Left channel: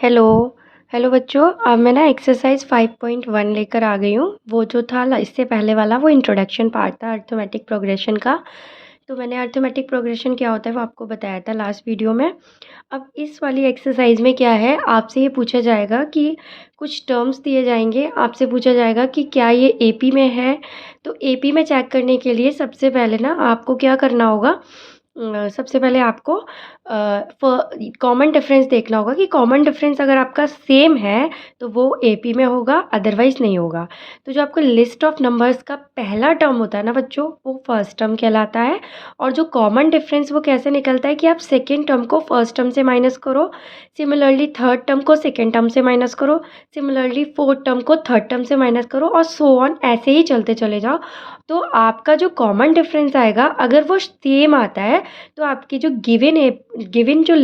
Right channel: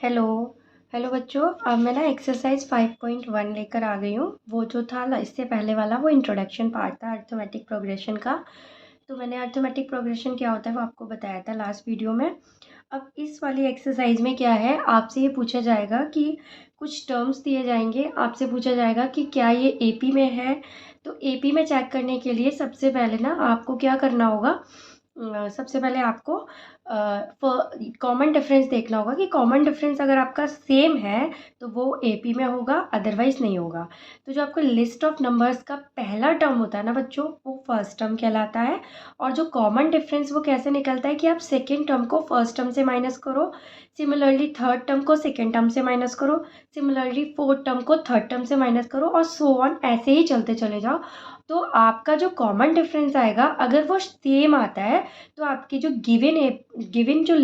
Hello. Hello बच्चों, अब मैं ना एक्सरसाइज 5.1 लेकर आ गई हूँ। वो जो था इससे पहले वाला वो इंट्रोडक्शन पार्ट था अर्थमेटिक प्रोग्रेशन का। तो मैंने अर्थमेटिक प्रोग्रेशन क्या होता है वो आपको बताया था लास्ट वीडियो में। अब इस वाली एक्सरसाइज में क्या है, आपसे ये पूछा जाएगा कि कुछ टर्म्स दिए जाएंगे, आपसे पूछा जाएगा कि क्या ये एपी में है। तो एपी में चेक करने के लिए सबसे पहले ना आपको क्या करना होगा, सबसे पहले आपको कॉमन डिफरेंस देखना होगा कि कॉमन डिफरेंस अगर आपका सेम है तो वो एपी में होगा, अदरवाइज नहीं होगा। तो जो आपको लिस्ट ऑफ नंबर्स का पहला टर्म होता है ना बच्चों, वो फर्स्ट टर्म कहलाता है। और जो कॉमन डिफरेंस वो कैसे निकलता है कि आप सेकेंड टर्म को फर्स्ट टर्म से माइनस करो, सिमिलरली थर्ड टर्म को सेकेंड टर्म से माइनस करो, सिमिलरली फोर्थ टर्म को थर्ड टर्म से माइनस करो, और सो ऑन, ऐसे ही चलते चले जाओ। तो आपका जो कॉमन डिफरेंस आएगा अगर वो सेम आता है तो आपकी जो गिवन जो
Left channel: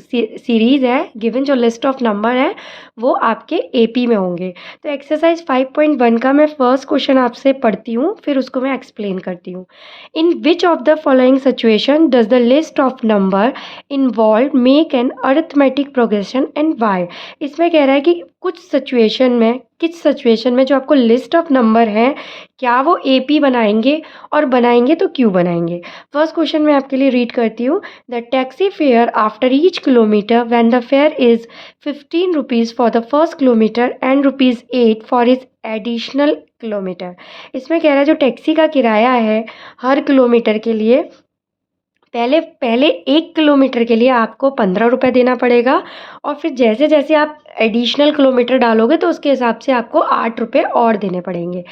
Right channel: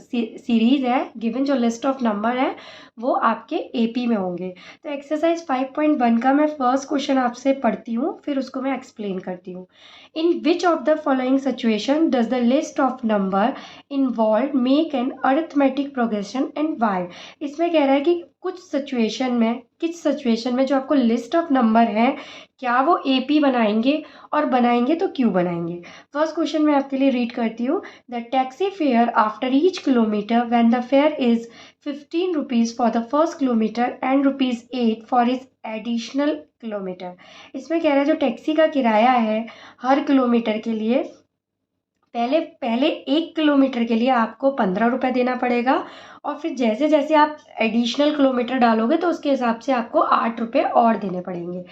सीरीज़ है, गिवन जो लिस्ट ऑफ नंबर है वो आपके एपी में होंगे। तो एक्सरसाइज 5.1 का मैं फर्स्ट क्वेश्चन आपसे पढ़ती हूँ, फिर उसको मैं एक्सप्लेन करती हूँ। In which of the following situation does the list of number involve make an arithmetic progression and why. इसमें कह रहा है कि किस सिचुएशन में जो आपको लिस्ट ऑफ नंबर है क्या वो एपी बनाएंगे, और बनाएंगे तो क्यों बनाएंगे। फर्स्ट क्वेश्चन मैं आपके लिए रीड करती हूँ। The taxi fare after each kilometre when the fair is 15 rupees for the first kilometre and rupees 8 for is additional kilometre. इसमें कह रहा है जो टैक्सी का किराया है हर किलोमीटर के लिए, पहले पहले 1 किलोमीटर के लिए आपको 15 रुपये देना पड़ेगा, और फिर जैसे जैसे आप एडिशनल किलोमीटर डालोगे तो उसके हिसाब से आपको 8 रुपये और देने पड़ेंगे।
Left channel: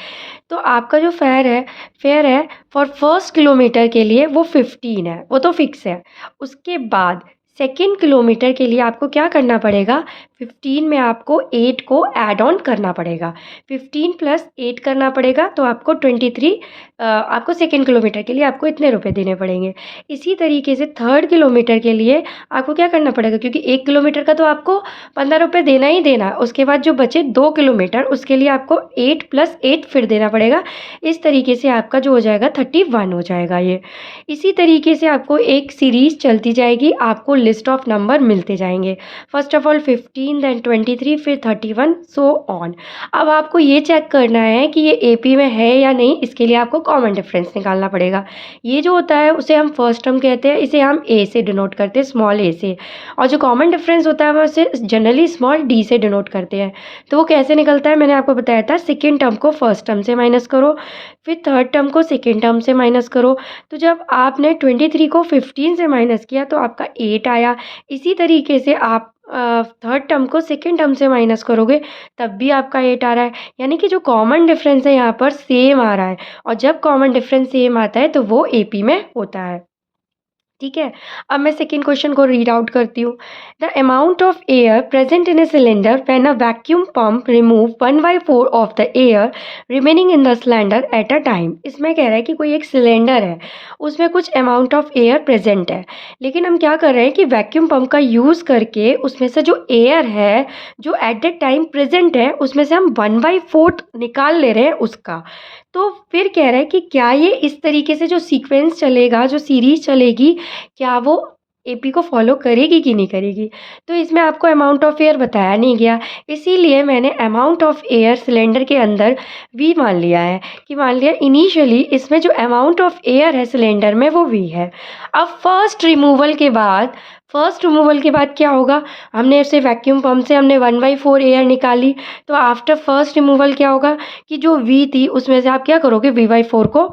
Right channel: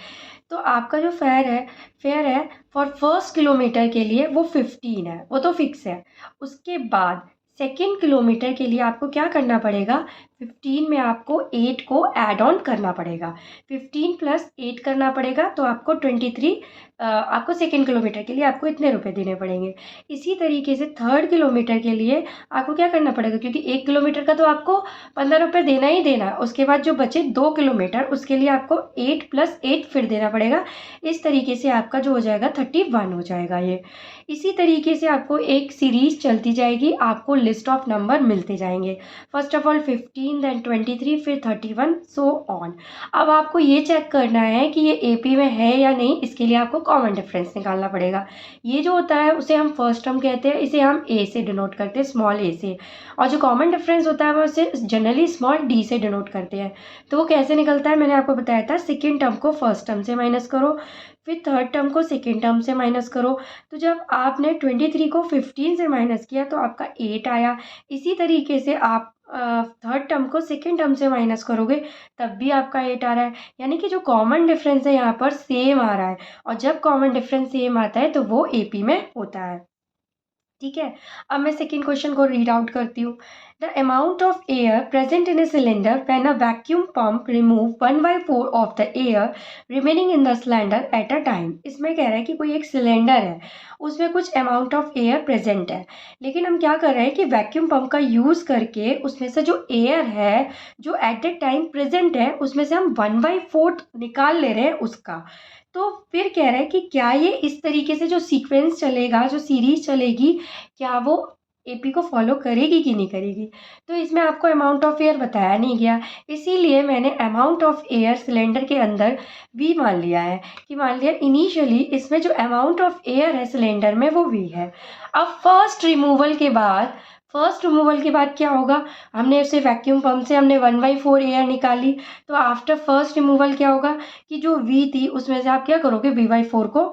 तो आपका जो फेयर है फॉर फर्स्ट किलोमीटर के लिए वो 15 है, वो तो फिक्स है। उसके बाद सेकेंड किलोमीटर के लिए आपको क्या करना पड़ेगा, 15 में आपको 8 को ऐड ऑन करना पड़ेगा, 15 प्लस 8 करना पड़ेगा, तो आपको 23, आपको सेकेंड किलोमीटर के लिए आपको इतने रुपए देने पड़ेंगे। इसी तरीके से थर्ड किलोमीटर के लिए आपको क्या करना पड़ेगा, क्योंकि 1 किलोमीटर का तो आपको 15 रुपये देना ही देना, उसके बाद जो बचे 2 किलोमीटर उसके लिए आपको 8 प्लस 8 फिर देना पड़ेगा। इस तरीके से आपका जो हो जाएगा 31 हो जाएगा ये। इसी तरीके से आपको एक सीरीज़ चलती जाएगी, आपको लिस्ट ऑफ नंबर मिलते जाएंगे। फर्स्ट ऑफ ऑल 15, देन 23, फिर 31, सो ऑन। अब आपको ये चेक करना है कि ये एपी में है या नहीं, इसके लिए आपको कॉमन डिफरेंस निकालना पड़ेगा। ये जो होता है उसे हम फर्स्ट टर्म कहते हैं, इसे हम ए से डिनोट करते हैं, स्मॉल ए से। और जो कॉमन डिफरेंस होता है हम उसे जनरली स्मॉल डी से डिनोट करते हैं। तो वो कैसे निकलता है मैंने आपको बताया था, सेकेंड टर्म को फर्स्ट टर्म से माइनस करो, फिर थर्ड टर्म को सेकेंड टर्म से माइनस करो। तो जब आपने 23 को 15 से माइनस किया तो आपका 8 आया। इसी तरीके से आप थर्ड टर्म को सेकेंड टर्म से माइनस करोगे तब भी आपका 8 आ रहा है, यानी कि जो कॉमन डिफरेंस है यहाँ पर सेम आ रहा है। और जब कॉमन डिफरेंस सेम आता है तो वो एपी में होता है। ठीक है। अब मैं सेकेंड क्वेश्चन को रीड आउट करती हूँ। The amount of air present in a cylinder when a vacuum pump remove 1/4 of the air remaining in the cylinder at a time. इसमें कह रहा है कि कोई एक सिलेंडर है, उसमें कुछ अमाउंट ऑफ एयर प्रेजेंट है, लेकिन हम क्या कर रहे हैं कि वैक्यूम पंप का यूज़ करके उसमें से जो एयर है जो एट द टाइम प्रेजेंट है उसमें से हम 1/4 निकाल ले रहे हैं उसका। तो फिर कह रहा है कि क्या ये इस तरीके से जो सीक्वेंस चलेगा, जो सीरीज चलेगी, क्या वो एपी को फॉलो करेगी कि नहीं करेगी। तो इसमें आपको अमाउंट ऑफ एयर बताया नहीं गया, इसीलिए मैंने अमाउंट ऑफ एयर सिलेंडर के अंदर वी मान लिया है, कि मान लिया इनिशियली इसमें जो अमाउंट ऑफ एयर है सिलेंडर में वो वी है। अब फर्स्ट रिमूवल के बाद क्या होगा, हमने उसे वैक्यूम पंप से हमने 1/4 एयर निकाली, तो आफ्टर फर्स्ट रिमूवल क्या होगा कि जो वी थी उसमें से आप क्या करोगे, V/4 को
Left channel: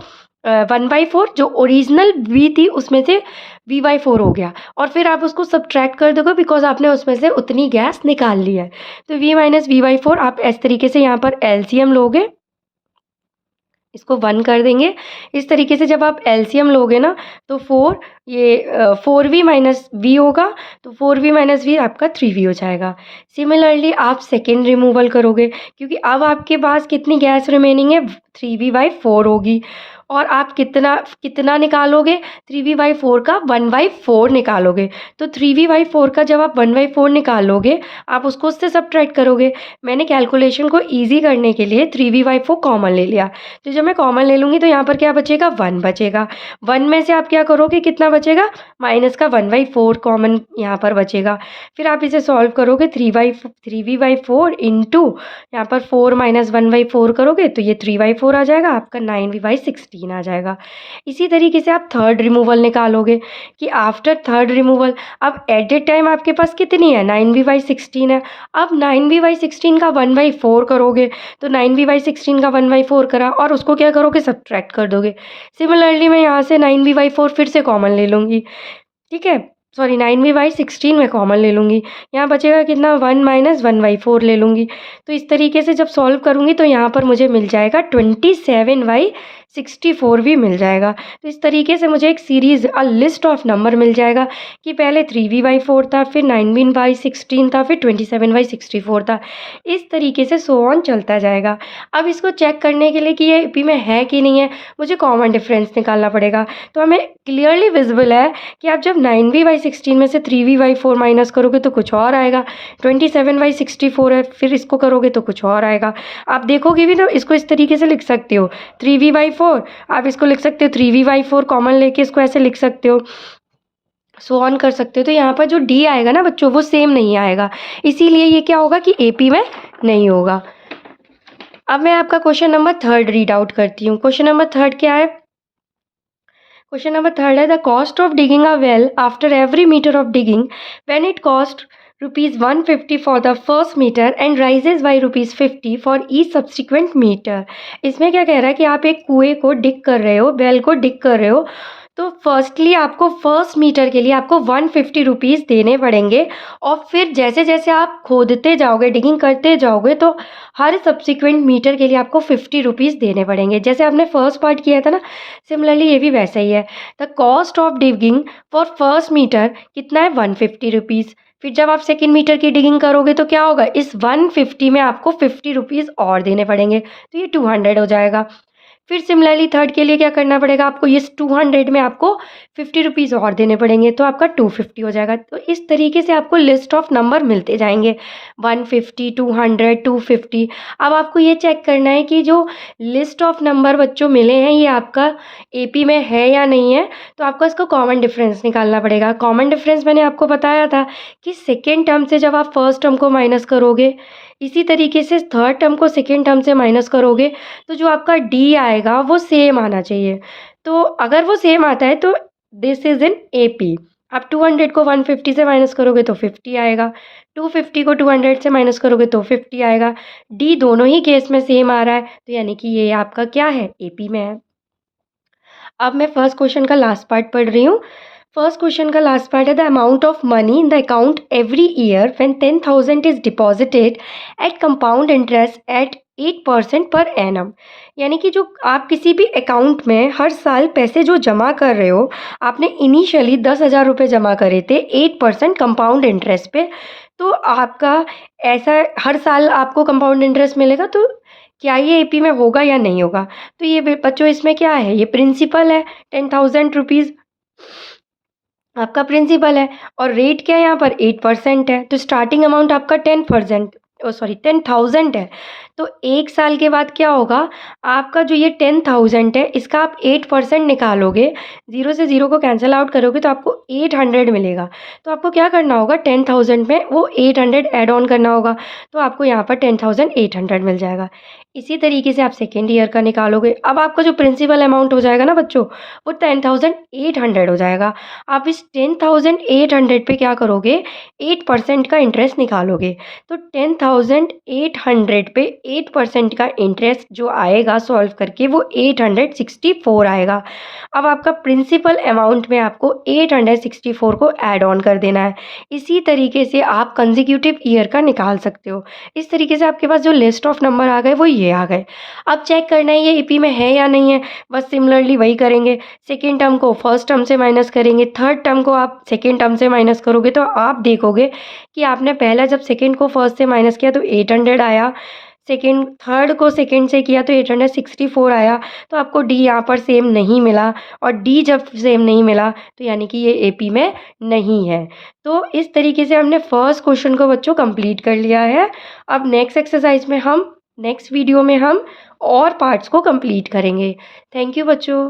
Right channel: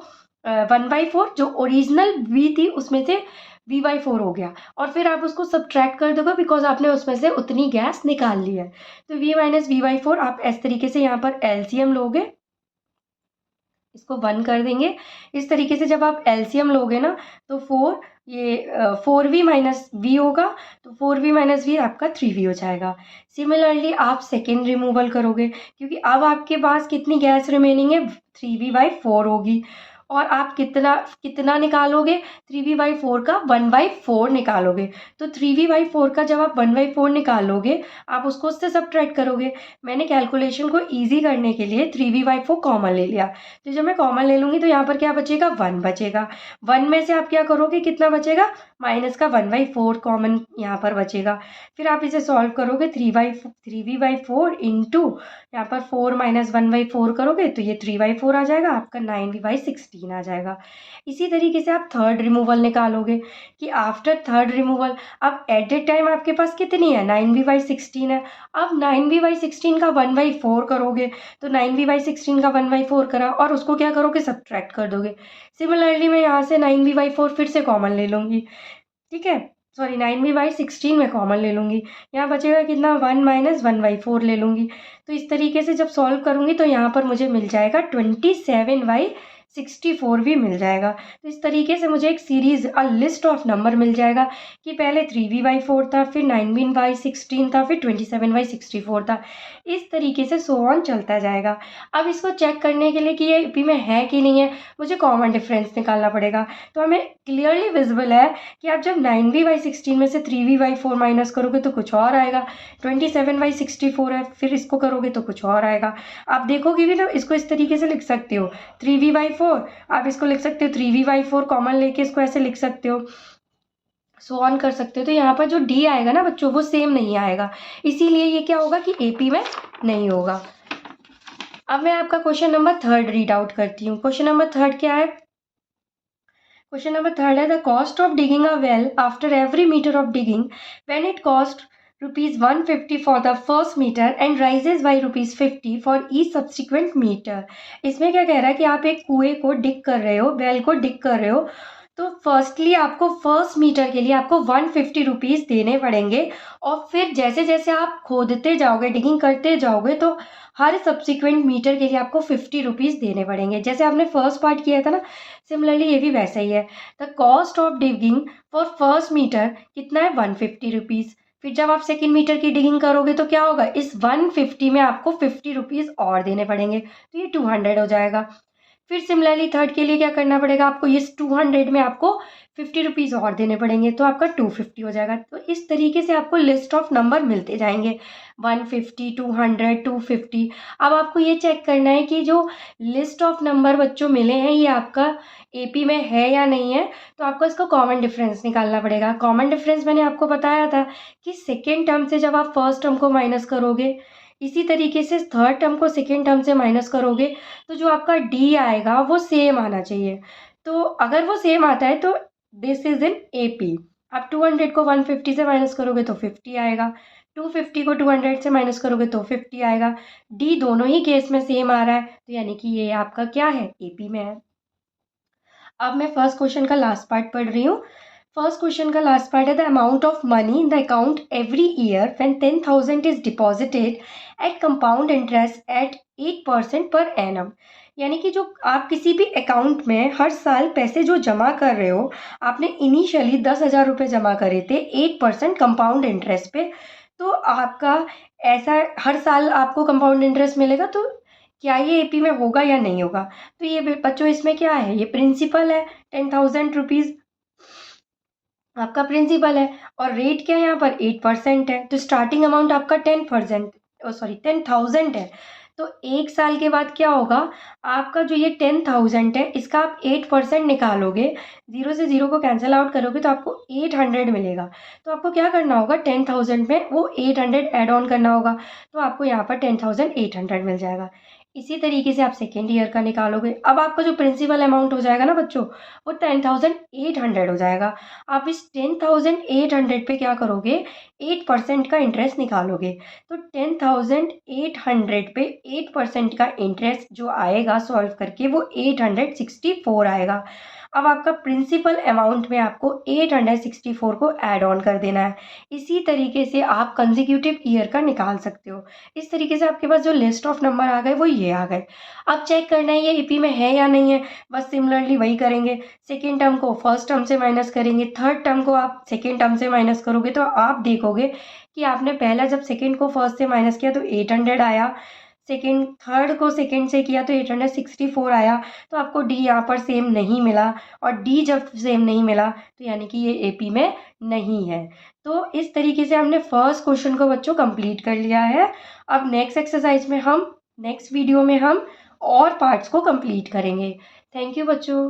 1/4 जो ओरिजिनल वी थी उसमें से V/4 हो गया, और फिर आप उसको सब्ट्रैक्ट कर दोगे बिकॉज आपने उसमें से उतनी गैस निकाल ली है। तो V माइनस V/4 आप इस तरीके से यहाँ पर एलसीएम लोगे, इसको 1 कर देंगे। इस तरीके से जब आप एलसीएम लोगे ना तो 4V माइनस वी होगा, तो 4V माइनस वी आपका 3V हो जाएगा। सिमिलरली आप सेकेंड रिमूवल करोगे, क्योंकि अब आपके पास कितनी गैस रिमेनिंग है, 3V/4 होगी। और आप कितना कितना निकालोगे, 3v/4 का 1/4 निकालोगे। तो 3v/4 का जब आप 1/4 निकालोगे, आप उसको उससे सब्ट्रैक्ट करोगे। मैंने कैलकुलेशन को ईज़ी करने के लिए 3v/4 कॉमन ले लिया। तो जब मैं कॉमन ले लूँगी तो यहाँ पर क्या बचेगा, 1 बचेगा। 1 में से आप क्या करोगे, कितना बचेगा, माइनस का 1/4 कॉमन यहाँ पर बचेगा। फिर आप इसे सॉल्व करोगे, 3v/4 इंटू यहाँ पर 4 माइनस 1/4 करोगे तो ये 3/4 आ जाएगा, आपका 9v/16 आ जाएगा। इसी तरीके से आप थर्ड रिमूवल निकालोगे कि आफ्टर थर्ड रिमूवल अब एट ए टाइम आपके पास कितनी है, 9v/16 है। अब 9v/16 का 1/4 करोगे तो 9v/16 का 1/4 करा और उसको क्या करोगे, सब्ट्रैक्ट कर दोगे। सिमिलरली मैं यहाँ से 9v/4 फिर से कॉमन ले लूँगी, ठीक है, सॉरी 9v/16 में कॉमन ले लूँगी। यहाँ बचेगा कितना, 1 माइनस 1/4 ले लूँगी। तो इस तरीके से जब सॉल्व करूँगी तो यहाँ पर मुझे मिल जाएगा 27/64 भी मिल जाएगा। तो इस तरीके से मुझे एक सीरीज़ लिस्ट ऑफ नंबर मिल जाएगा कि पहले 3v/4 था, फिर 9v/16 था, फिर 27/64 था। इस तरीके से सो ऑन चलता जाएगा। अब इसको चेक करने के लिए कि ये एपी में है कि नहीं है, मुझे कॉमन डिफरेंस निकालना पड़ेगा। तो हमें क्लियरली विजिबल है कि आप जब 9v/16 में से 3v/4 माइनस करोगे तो कुछ और आएगा, 27/64 है, फिर इसको करोगे तो कुछ और आएगा। आप देखोगे भी तो इसको इस तरीके से लिख सकते हो, 3v/4 आप इसको लिख सकते हो, 3v/4 कॉमन लेके इसको ऐसे लिख सकते हो, सो ऑन कर सकते हो। तो यहाँ पर जो डी आएगा ना बच्चों, वो सेम नहीं आएगा, इसीलिए ये क्या होगा कि एपी में नहीं होगा। अब मैं आपका क्वेश्चन नंबर 3 रीड आउट करती हूँ। क्वेश्चन नंबर 3 क्या है, क्वेश्चन नंबर 3 है the cost of digging a well after every metre of digging when it cost ₹150 for the first metre and rises by ₹50 for each subsequent metre. इसमें क्या कह रहा है कि आप एक कुएं को डिग कर रहे हो, वेल को डिग कर रहे हो, तो फर्स्टली आपको फर्स्ट मीटर के लिए आपको 150 रुपीज़ देने पड़ेंगे और फिर जैसे जैसे आप खोदते जाओगे, डिगिंग करते जाओगे, तो हर सब्सिक्वेंट मीटर के लिए आपको 50 रुपीज़ देने पड़ेंगे। जैसे आपने फर्स्ट पार्ट किया था ना, सिमिलरली ये भी वैसा ही है। The cost of digging for first metre कितना है, 150 रुपीज़। फिर जब आप सेकेंड मीटर की डिगिंग करोगे तो क्या होगा, इस 150 में आपको 50 रुपीज़ और देने पड़ेंगे, तो ये 200 हो जाएगा। फिर सिमिलरली थर्ड के लिए क्या करना पड़ेगा आपको, ये 200 में आपको 50 रुपीज़ और देने पड़ेंगे, तो आपका 250 हो जाएगा। तो इस तरीके से आपको लिस्ट ऑफ नंबर मिलते जाएंगे, 150, 200, 250। अब आपको ये चेक करना है कि जो लिस्ट ऑफ नंबर बच्चों मिले हैं ये आपका एपी में है या नहीं है। तो आपको इसका कॉमन डिफरेंस निकालना पड़ेगा। कॉमन डिफरेंस मैंने आपको बताया था कि सेकेंड टर्म से जब आप फर्स्ट टर्म को माइनस करोगे, इसी तरीके से थर्ड टर्म को सेकेंड टर्म से माइनस करोगे, तो जो आपका डी आएगा वो सेम आना चाहिए। तो अगर वो सेम आता है तो दिस इज इन एपी। आप 200 को 150 से माइनस करोगे तो 50 आएगा, 250 को 200 से माइनस करोगे तो 50 आएगा। डी दोनों ही केस में सेम आ रहा है, तो यानी कि ये आपका क्या है, एपी में है। अब मैं फर्स्ट क्वेश्चन का लास्ट पार्ट पढ़ रही हूँ। फर्स्ट क्वेश्चन का लास्ट पार्ट है the amount of money in the account every year when 10,000 is deposited at compound interest at 8% per annum. यानी कि जो आप किसी भी अकाउंट में हर साल पैसे जो जमा कर रहे हो, आपने इनिशियली 10,000 रुपये जमा करे थे 8% कंपाउंड इंटरेस्ट पे, तो आपका ऐसा हर साल आपको कंपाउंड इंटरेस्ट मिलेगा, तो क्या ये एपी में होगा या नहीं होगा। तो ये बच्चों इसमें क्या है, ये प्रिंसिपल है, 10,000 रुपीज़ आपका प्रिंसिपल है और रेट क्या है यहाँ पर 8% है। तो स्टार्टिंग अमाउंट आपका 10,000 है। तो एक साल के बाद क्या होगा, आपका जो ये 10,000 है इसका आप 8% निकालोगे, 0 से 0 को कैंसिल आउट करोगे तो आपको 800 मिलेगा। तो आपको क्या करना होगा, 10,000 में वो 800 ऐड ऑन करना होगा, तो आपको यहाँ पर 10,800 मिल जाएगा। इसी तरीके से आप सेकेंड ईयर का निकालोगे। अब आपका जो प्रिंसिपल अमाउंट हो जाएगा ना बच्चों, वो 10,800 हो जाएगा। आप इस 10,800 पे क्या करोगे, 8% का इंटरेस्ट निकालोगे। तो 10,800 पे 8% का इंटरेस्ट जो आएगा सॉल्व करके वो 864 आएगा। अब आपका प्रिंसिपल अमाउंट में आपको 864 को ऐड ऑन कर देना है। इसी तरीके से आप कंसेक्यूटिव ईयर का निकाल सकते हो। इस तरीके से आपके पास जो लिस्ट ऑफ नंबर आ गए वो ये आ गए। अब चेक करना है ये एपी में है या नहीं है, बस सिमिलरली वही करेंगे। सेकेंड टर्म को फर्स्ट टर्म से माइनस करेंगे, थर्ड टर्म को आप सेकेंड टर्म से माइनस करोगे, तो आप देखोगे कि आपने पहला जब सेकेंड को फर्स्ट से माइनस किया तो 800 आया, सेकंड थर्ड को सेकंड से किया तो 864 आया, तो आपको डी यहाँ पर सेम नहीं मिला, और डी जब सेम नहीं मिला तो यानी कि ये एपी में नहीं है। तो इस तरीके से हमने फर्स्ट क्वेश्चन को बच्चों कंप्लीट कर लिया है। अब नेक्स्ट एक्सरसाइज में हम नेक्स्ट वीडियो में हम और पार्ट्स को कंप्लीट करेंगे। थैंक यू बच्चों।